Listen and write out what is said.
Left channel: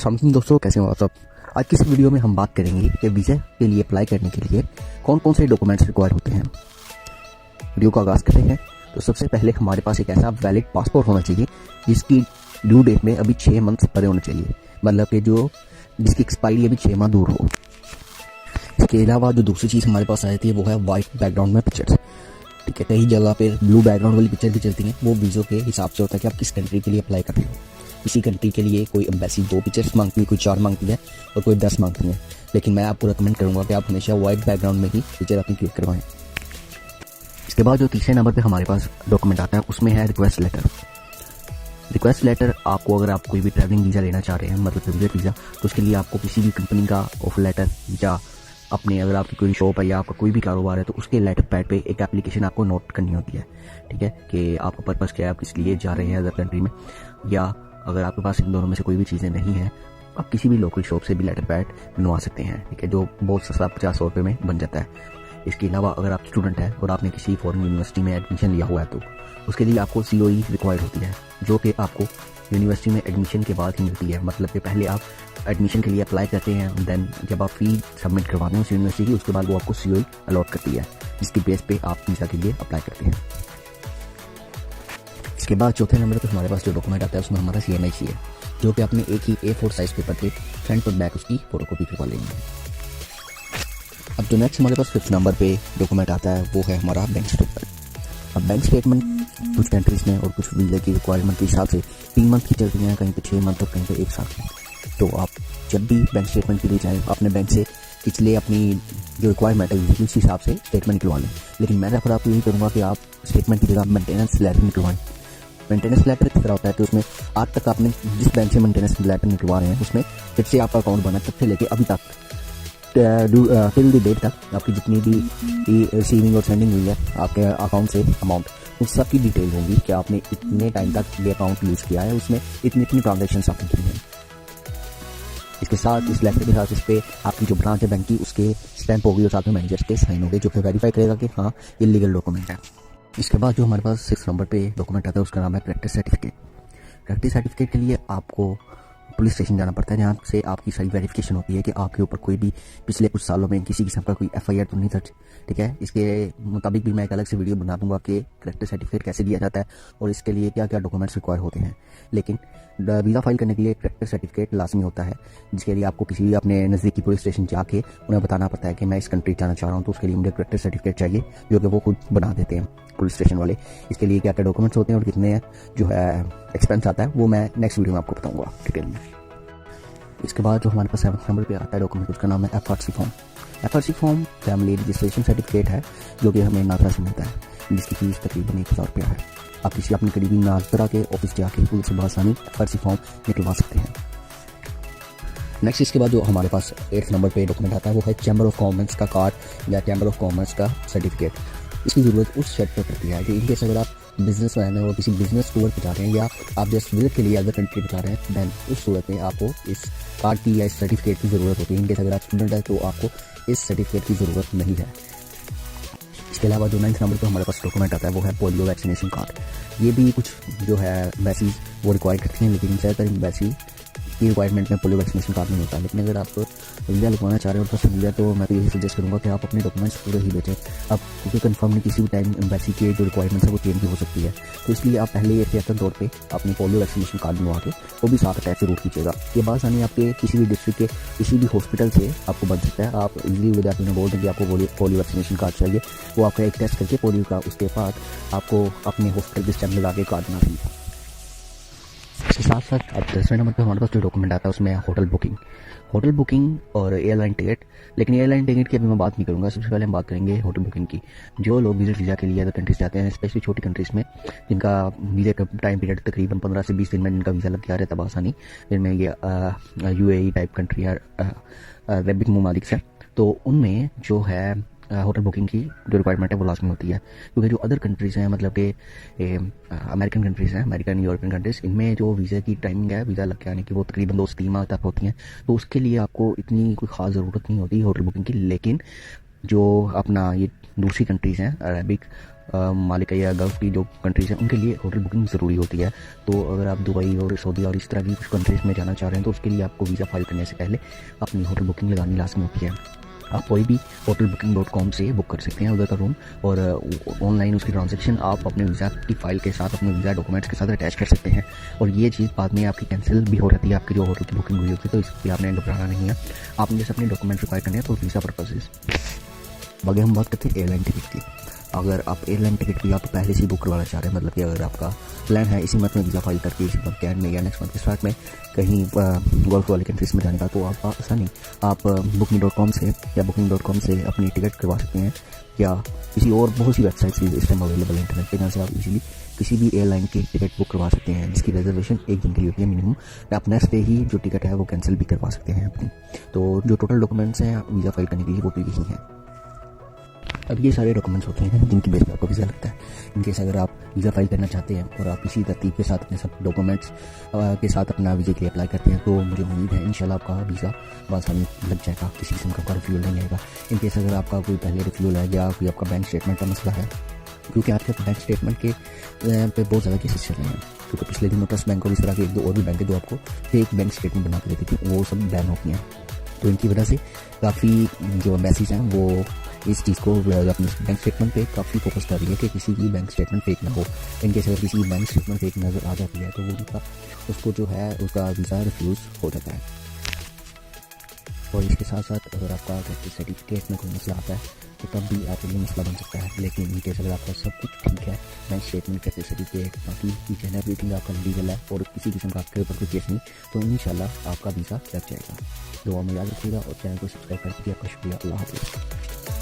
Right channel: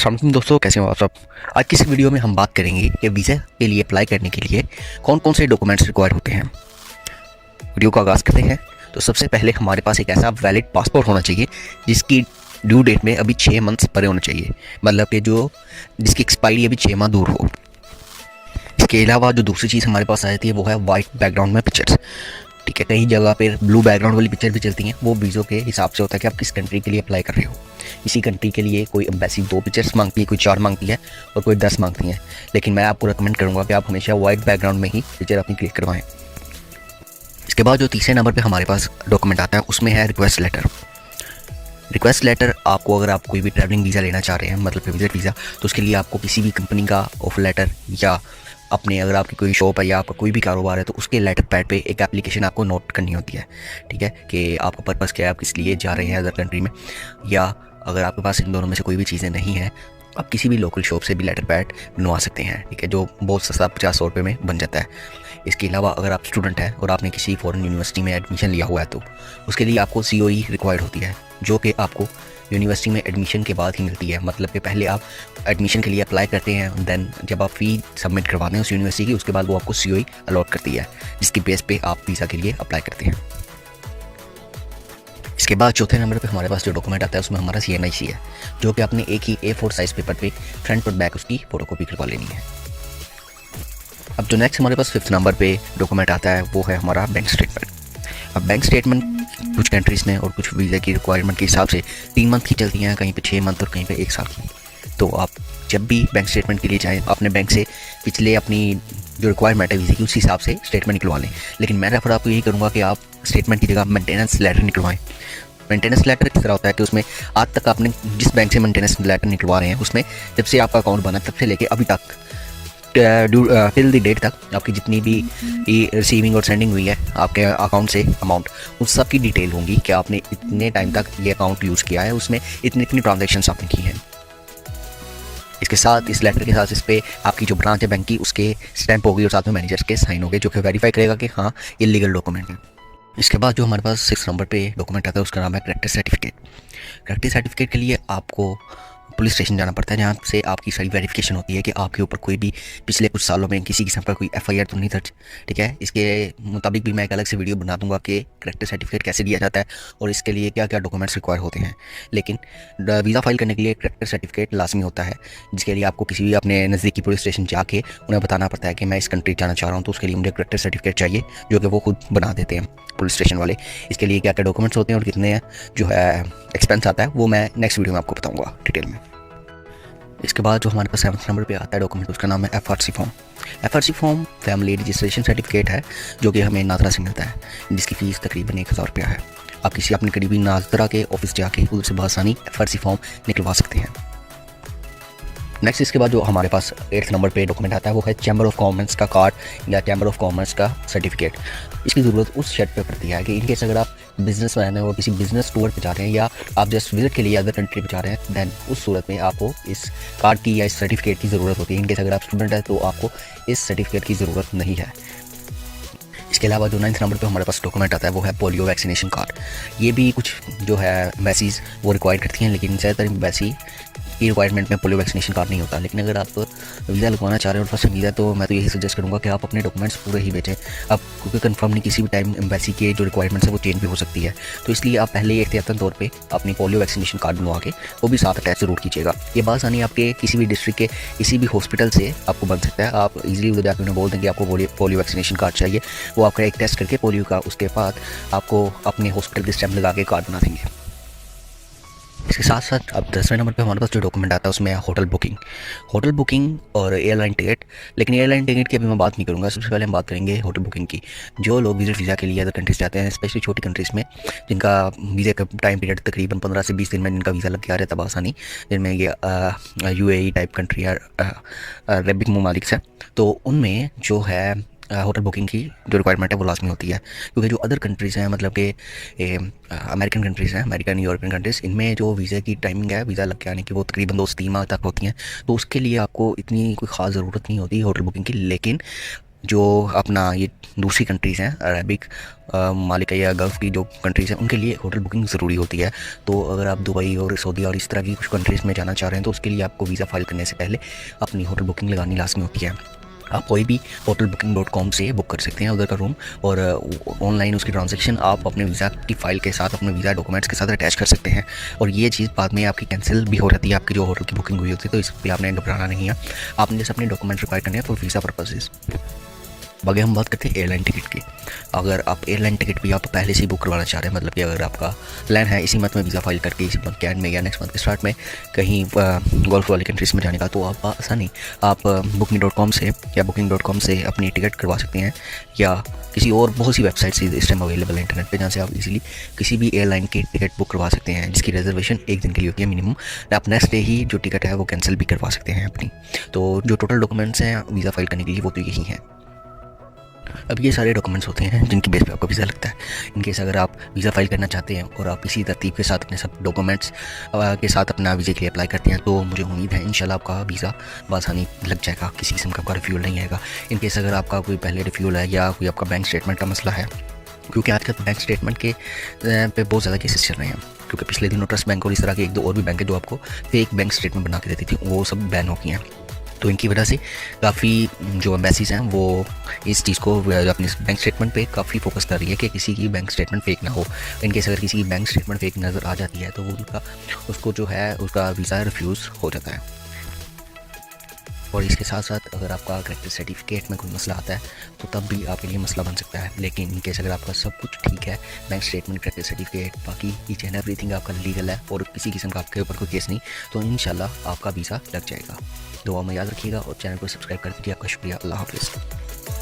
अस्सलाम वालेकुम दोस्तों, कैसे हो आप सब। आज की इस वीडियो में हम बात करेंगे कि वीज़ा के लिए अप्लाई करने के लिए कौन कौन से डॉक्यूमेंट्स रिक्वायर होते हैं। वीडियो का आगाज़ करते हैं। तो सबसे पहले हमारे पास एक ऐसा वैलिड पासपोर्ट होना चाहिए जिसकी ड्यू डेट में अभी 6 मंथ्स परे होना चाहिए, मतलब कि जिसकी एक्सपायरी अभी 6 माह दूर हो। इसके अलावा जो दूसरी चीज़ हमारे पास आ जाती है वो है वाइट बैकग्राउंड में पिक्चर्स। ठीक है, कई जगह पर ब्लू बैकग्राउंड वाली पिक्चर भी चलती हैं। वो वीज़ों के हिसाब से होता है कि आप किस कंट्री के लिए अप्लाई कर रहे हो। इसी कंट्री के लिए कोई एम्बेसी 2 पिक्चर्स मांगती है, कोई 4 मांगती है और कोई 10 मांगती है। लेकिन मैं आपको रिकमेंड करूँगा कि आप हमेशा वाइट बैकग्राउंड में ही पिक्चर अपनी क्लिक करवाएं। इसके बाद जो तीसरे नंबर पे हमारे पास डॉक्यूमेंट आता है उसमें है रिक्वेस्ट लेटर। रिक्वेस्ट लेटर आपको, अगर आप कोई भी ट्रैवलिंग वीज़ा लेना चाह रहे हैं, मतलब विजिट वीज़ा, तो उसके लिए आपको किसी भी कंपनी का ऑफर लेटर या अपने, अगर आपकी कोई शॉप है या आपका कोई भी कारोबार है, तो उसके लेटर पैड पे एक एप्लीकेशन आपको नोट करनी होती है। ठीक है, कि आपका पर्पज़ क्या है, आप किस लिए जा रहे हैं अदर कंट्री में, या अगर आपके पास इन दोनों में से कोई भी चीज़ें नहीं हैं, आप किसी भी लोकल शॉप से भी लेटर पैड बनवा सकते हैं। ठीक है, जो बहुत सस्ता 50-100 रुपये में बन जाता है। इसके अलावा अगर आप स्टूडेंट हैं और आपने किसी फॉरेन यूनिवर्सिटी में एडमिशन लिया हुआ है तो उसके लिए आपको COE रिक्वायर्ड होती है, जो कि आपको यूनिवर्सिटी में एडमिशन के बाद ही मिलती है। मतलब कि पहले आप एडमिशन के लिए अप्लाई करते हैं, देन जब आप फ़ी सबमिट करवाते हैं उस यूनिवर्सिटी की, उसके बाद वो आपको COE अलॉट करती है, जिसकी बेस पे आप वीज़ा के लिए अप्लाई करते हैं। इसके बाद चौथे नंबर पे हमारे पास जो डॉक्यूमेंट आता है उसमें हमारा CNIC है, जो कि आपने एक ही A4 साइज़ पेपर पे फ्रंट और बैक उसकी फ़ोटोकॉपी करवा लेनी है। अब जो नेक्स्ट हमारे पास 5th नंबर पे डॉक्यूमेंट आता है वो है हमारा बैंक स्टेटमेंट। अब बैंक स्टेटमेंट कुछ कंट्रीज़ में और कुछ वीज़ा की रिक्वायरमेंट के हिसाब से 3 मंथ की चलती हैं, कहीं पे 6 मंथ और कहीं पे 1 साल की। तो आप जब भी बैंक स्टेटमेंट के लिए जाएँ, अपने बैंक से पिछले अपनी जो रिक्वायरमेंट है वीज़ा की, उस हिसाब से स्टेटमेंट निकलवा लें। लेकिन मैं रेफर आपको यही करूँगा कि आप स्टेटमेंट की जगह मेंटेनेंस लेटर निकलवाएँ। मेंटेनेंस लेटर किस तरह होता है कि उसमें आज तक आपने जिस बैंक से मेंटेनेंस लेटर निकलवा रहे हैं, उसमें जब से आपका अकाउंट बना तब से लेके अभी तक टिल द डेट तक आपकी जितनी भी रिसीविंग और सेंडिंग हुई है आपके अकाउंट से अमाउंट, उस सब की डिटेल होंगी कि आपने इतने टाइम तक ये अकाउंट यूज़ किया है, उसमें इतनी इतनी ट्रांजेक्शन्स आपने की हैं। इसके साथ, इस लेटर के साथ, इस पर आपकी जो ब्रांच है बैंक की, उसके स्टैंप होगी और साथ में मैनेजर के साइन होंगे, जो कि वेरीफाई करेगा कि हाँ ये लीगल डॉक्यूमेंट है। इसके बाद जो हमारे पास 6 नंबर पे डॉक्यूमेंट आता है उसका नाम है कैरेक्टर सर्टिफिकेट। कैरेक्टर सर्टिफिकेट के लिए आपको पुलिस स्टेशन जाना पड़ता है, जहाँ से आपकी सारी वेरिफिकेशन होती है कि आपके ऊपर कोई भी पिछले कुछ सालों में किसी किस्म का कोई FIR तो नहीं दर्ज। ठीक है, इसके मुताबिक भी मैं एक अलग से वीडियो बना दूंगा कि कैरेक्टर सर्टिफिकेट कैसे दिया जाता है और इसके लिए क्या क्या डॉक्यूमेंट्स रिक्वायर होते हैं। लेकिन वीज़ा फाइल करने के लिए कैरेक्टर सर्टिफिकेट लाजमी होता है, जिसके लिए आपको किसी भी अपने नज़दीकी पुलिस स्टेशन जाके उन्हें बताना पड़ता है कि मैं इस कंट्री जाना चाह रहा हूँ, तो उसके लिए मुझे कैरेक्टर सर्टिफिकेट चाहिए, जो कि वो खुद बना देते हैं पुलिस स्टेशन वाले। इसके लिए क्या क्या डॉक्यूमेंट्स होते हैं और कितने जो है एक्सपेंस आता है वो मैं नेक्स्ट वीडियो में आपको बताऊँगा डिटेल में। इसके बाद जो हमारे पास 7th नंबर पे आता है डॉक्यूमेंट, उसका नाम है FRC form. FRC form family registration certificate है, जो कि हमें नादरा से मिलता है, जिसकी फ़ीस तकरीबन 1000 रुपया है। आप किसी अपने करीबी नादरा के ऑफिस जाके उनसे बआसानी FRC फॉर्म निकलवा सकते हैं। नेक्स्ट इसके बाद जो हमारे पास 8th नंबर पे डॉक्यूमेंट आता है वो है चैम्बर ऑफ कॉमर्स का कार्ड या चैम्बर ऑफ कॉमर्स का सर्टिफिकेट। इसकी ज़रूरत उस शर्ट पे पड़ती है कि इन केस अगर आप बिजनेस मैन है और किसी बिजनेस टूर पे जा रहे हैं या आप जस्ट विजिट के लिए अदर कंट्री पे जा रहे हैं, दैन उस सूरत में आपको इस कार्ड की या इस सर्टिफिकेट की ज़रूरत होती है। इन केस अगर आप स्टूडेंट है तो आपको इस सर्टिफिकेट की ज़रूरत नहीं है। इसके अलावा जो 9th नंबर पे हमारे पास डॉक्यूमेंट आता है वो है पोलियो वैक्सीनेशन कार्ड। ये भी कुछ जो है एम्बेसीज वो रिक्वायर करती हैं, लेकिन ज़्यादातर एम्बेसी की रिक्वायरमेंट में पोलियो वैक्सीनेशन कार्ड नहीं होता। लेकिन अगर आप वीज़ा लगवाना चाह रहे हो और फर्स्ट वीज़ा, तो मैं तो यही सजेस्ट करूँगा कि आप अपने डॉक्यूमेंट्स पूरे ही भेजें। आप क्योंकि कंफर्म नहीं, किसी भी टाइम एम्बेसी के जो रिक्वायरमेंट्स है वो चेंज भी हो सकती है, तो इसलिए आप पहले ही एहतियातन तौर पे अपनी पोलियो वैक्सीनेशन कार्ड बनवा के वो भी साथ अटैच जरूर कीजिएगा। ये बासानी आपके किसी भी डिस्ट्रिक्ट के किसी भी हॉस्पिटल से आपको बन सकता है। आप इजीली उधर जाकर उन्हें बोल दें कि आपको पोलियो वैक्सीनेशन कार्ड चाहिए, वो आपका एक टेस्ट करके पोलियो का, उसके बाद आपको अपने हॉस्पिटल के स्टैम्प लगा के कार्ड बना देंगे। इसके साथ साथ अब 10वें नंबर पे हमारे पास जो डॉक्यूमेंट आता है उसमें होटल बुकिंग और एयरलाइन टिकट। लेकिन एयरलाइन टिकट की अभी मैं बात नहीं करूँगा, सबसे पहले हम बात करेंगे होटल बुकिंग की। जो लोग विजिट वीज़ा के लिए अदर कंट्रीज़ जाते हैं, स्पेशली छोटी कंट्रीज़ में, जिनका वीज़ा का टाइम पीरियड तकरीबन 15 से 20 दिन में जिनका वीज़ा लग के आ रहता है बआसानी, जिनमें ये UAE टाइप कंट्री या अरबिक ममालिक से, तो उनमें जो है होटल बुकिंग की जो रिक्वायरमेंट है वो लाजमी होती है। क्योंकि जो अदर कंट्रीज़ हैं, मतलब कि अमेरिकन कंट्रीज़ हैं, अमेरिकन यूरोपियन कंट्रीज़, इनमें जो वीज़ा की टाइमिंग है वीज़ा लग के आने की वो तकरीबन 2 से 3 माह तक होती हैं। तो उसके लिए आपको इतनी कोई ख़ास ज़रूरत नहीं होती होटल बुकिंग की। लेकिन जो अपना ये दूसरी कंट्रीज़ हैं, अरबिक मालिक या गल्फ़ की जो कंट्रीज़ हैं, उनके लिए होटल बुकिंग ज़रूरी होती है। तो अगर आप दुबई और सऊदी और इस तरह की कुछ कंट्रीज़ में जाना चाह रहे हैं तो उसके लिए आपको वीज़ा फ़ाइल करने से पहले अपनी होटल बुकिंग लगानी लाज़मी होती है। आप कोई भी hotelbooking.com से बुक कर सकते हैं उधर का रूम, और ऑनलाइन उसकी ट्रांजैक्शन आप अपने वीज़ा की फ़ाइल के साथ, अपने वीज़ा डॉक्यूमेंट्स के साथ अटैच कर सकते हैं। और ये चीज़ बाद में आपकी कैंसिल भी हो जाती है, आपकी जो होटल की बुकिंग हुई होती है, तो इस पर आपने घबराना नहीं है। आपने जैसे अपने डॉक्यूमेंट रिक्वायर करने हैं तो वीज़ा पर्पसेज़। आगे हम बात करते हैं एयरलाइन टिकट की। अगर आप एयरलाइन टिकट भी आप पहले से ही बुक करवाना चाह रहे हैं, मतलब कि अगर आपका प्लान है इसी मंथ में वीज़ा फाइल करके इसी मंथ के एंड में या नेक्स्ट मंथ के स्टार्ट में कहीं गल्फ वाली कंट्रीज़ में जाने का, तो आप आसानी आप booking.com से या booking.com से अपनी टिकट करवा सकते हैं, या किसी और बहुत सी वेबसाइट्स इस टाइम अवेलेबल है इंटरनेट पे, जहाँ से आप इजीली किसी भी एयरलाइन की टिकट बुक करवा सकते हैं, जिसकी रिजर्वेशन एक दिन के लिए होती है मिनिमम। आप नेक्स्ट डे ही जो टिकट है वो कैंसिल भी करवा सकते हैं अपनी। तो जो टोटल डॉक्यूमेंट्स हैं वीज़ा फाइल करने के लिए वो तो यही हैं। अब ये सारे डॉक्यूमेंट्स होते हैं जिनकी बेस पे आपको वीज़ा लगता है। इनकेस अगर आप वीज़ा फाइल करना चाहते हैं और आप इसी तरतीब के साथ अपने सब डॉक्यूमेंट्स के साथ अपना वीज़े के लिए अप्लाई करते हैं, तो मुझे उम्मीद है इंशाल्लाह आपका वीज़ा बआसानी लग जाएगा, किसी किस्म का रिफ्यूल नहीं आएगा। इनकेस अगर आपका कोई पहले रिफ्यूल है या कोई आपका बैंक स्टेटमेंट का मसला है, क्योंकि आजकल बैंक स्टेटमेंट के पे बहुत ज़्यादा केसेस चल रहे हैं, क्योंकि पिछले दिनों ट्रस्ट बैंक और इस तरह के एक दो और भी बैंक है जो आपको फेक बैंक स्टेटमेंट बना के देती थी, वो सब बैन हो गई हैं। तो इनकी वजह से काफ़ी जो एम्बेसीज हैं वो इस चीज़ को अपने बैंक स्टेटमेंट पे काफ़ी फोकस कर रही है कि किसी की बैंक स्टेटमेंट फेक ना हो। इनकेस अगर किसी की बैंक स्टेटमेंट फेक नज़र आ जाती है तो वो उसको जो है उसका वीज़ा रिफ्यूज़ हो जाता है। और इसके साथ साथ अगर आपका करेक्टर सर्टिफिकेट में कोई मसला आता है तो तब भी आपके लिए मसला बन सकता है। लेकिन इनकेस अगर आपका सब कुछ ठीक है, बैंक स्टेटमेंट, करेक्टर सर्टिफिकेट, बाकी ईच एंड एवरीथिंग आपका लीगल है और किसी किस्म का आपके ऊपर कोई केस नहीं, तो इंशाल्लाह आपका वीज़ा लग जाएगा। दुआ में याद रखिएगा और चैनल को सब्सक्राइब कर दीजिए। आपका शुक्रिया। अल्लाह हाफ़िज़।